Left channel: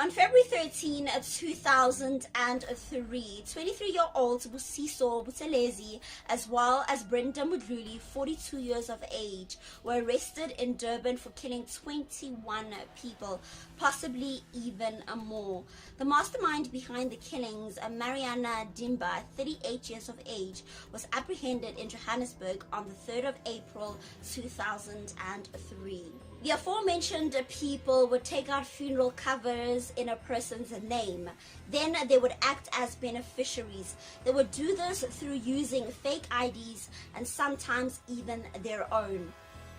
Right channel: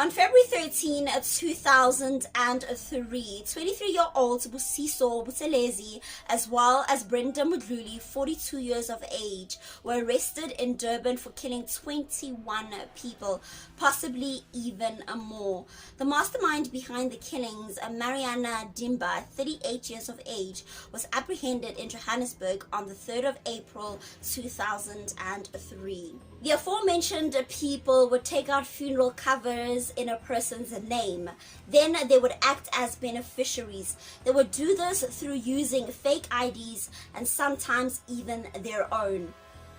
On February 13, 2003, 23-year-old Busiso Buthelezi, as well as Brenda Mudluli, 42 years of age, were arrested in Durban for killing 21 people, possibly even more. The mastermind behind the killings, Mariana Dimba, 38 years of age, was apprehended in Johannesburg on the 3rd of April 2003. The aforementioned people would take out funeral covers in a person's name. Then they would act as beneficiaries. They would do this through using fake IDs and sometimes even their own.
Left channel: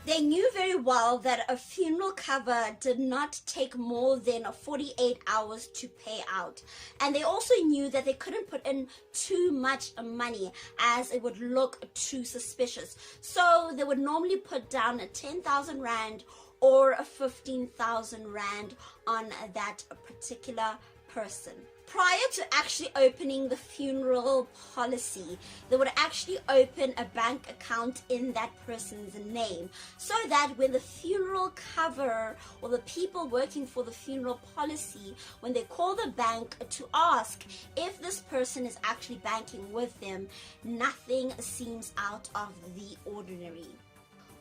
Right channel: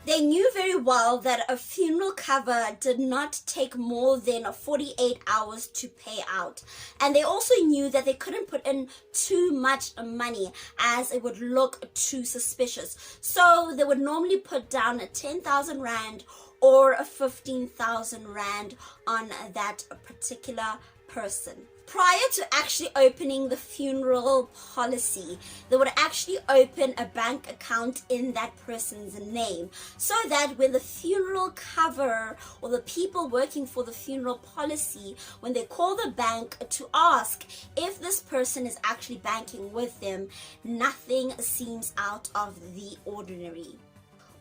They knew very well that a funeral cover did not take more than 48 hours to pay out. And they also knew that they couldn't put in too much money as it would look too suspicious. So they would normally put down 10,000 Rand or 15,000 Rand on that particular person. Prior to actually opening the funeral policy, they would actually open a bank account in that person's name, so that when the funeral cover or the people working for the funeral policy, when they call the bank to ask if this person is actually banking with them, nothing seems out of the ordinary.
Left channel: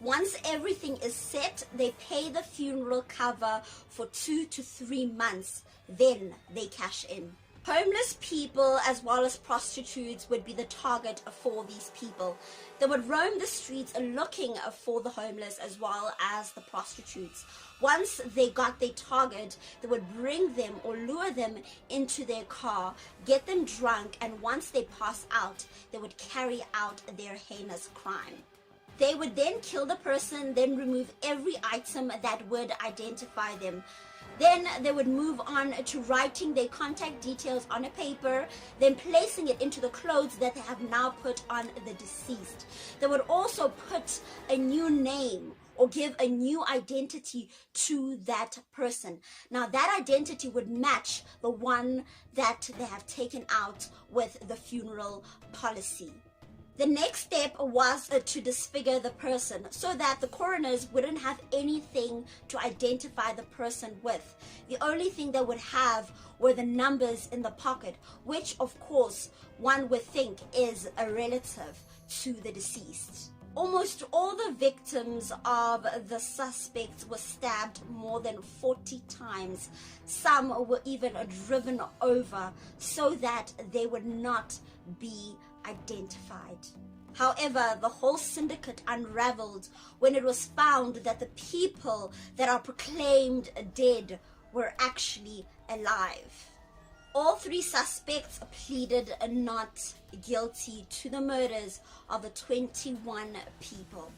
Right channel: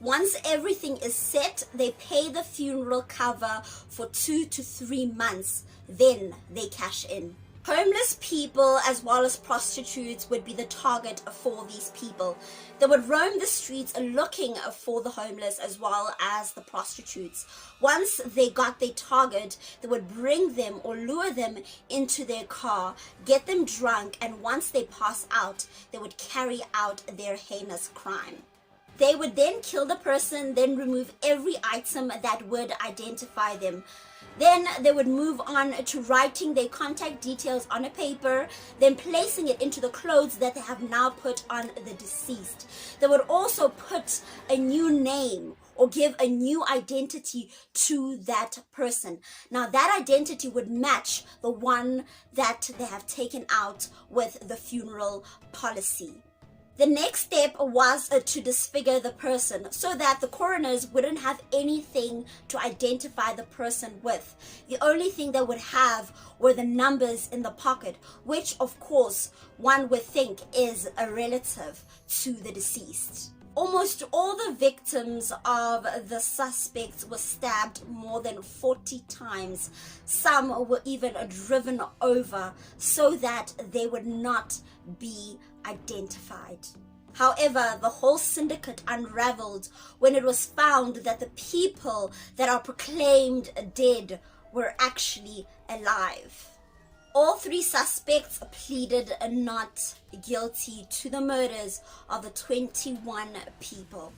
Once everything is set, they pay the funeral cover for 2 to 3 months, then they cash in. Homeless people as well as prostitutes would be the target for these people. They would roam the streets looking for the homeless as well as the prostitutes. Once they got their target, they would bring them or lure them into their car, get them drunk, and once they pass out, they would carry out their heinous crime. They would then kill the person, then remove every item that would identify them. Then they would move on to writing their contact details on a paper, then placing it into the clothes that they have now put on the deceased. They would also put a new name or give a new identity to that person. Now that identity would match the one that they have taken out with the funeral policy. The next step was to disfigure the person so that the coroners wouldn't have anything to identify the person with. The only thing they would have were the numbers in the pocket, which of course one would think is a relative to the deceased. Almost all the victims of the suspects were stabbed more than 40 times. Some were even driven over so that they would not be identified. However, the whole syndicate unraveled when it was found that the people that are proclaimed dead were actually alive. All 3 suspects pleaded not guilty to the murders of the 21 people.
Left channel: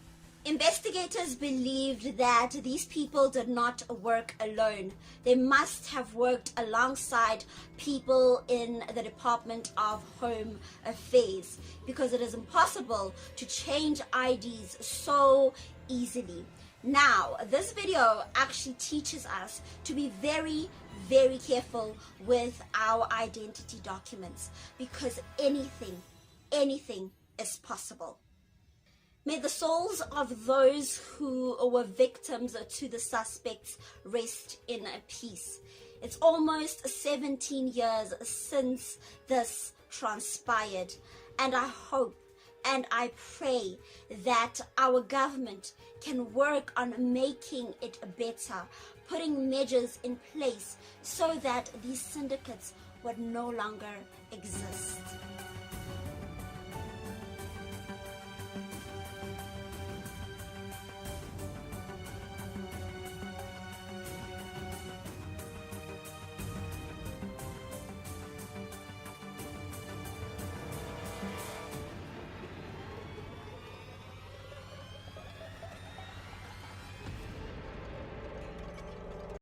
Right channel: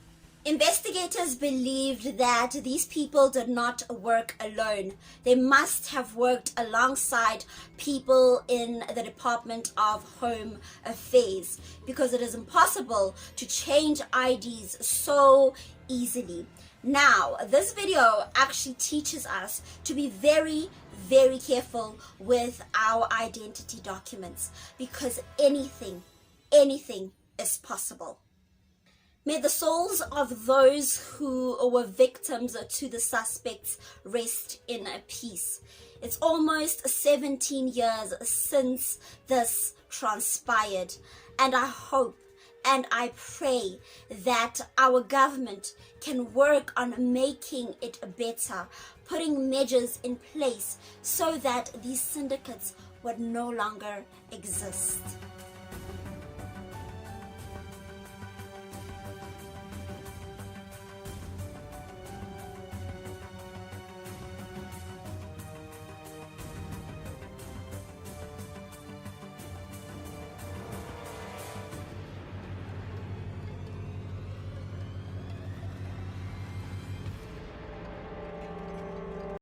Investigators believed that these people did not work alone. They must have worked alongside people in the Department of Home Affairs, because it is impossible to change IDs so easily. Now, this video actually teaches us to be very careful with our identity documents, because anything is possible. May the souls of those who were victims to the suspects rest in peace. It's almost 17 years since this transpired, and I hope and I pray that our government can work on making it better, putting measures in place so that these syndicates would no longer exist.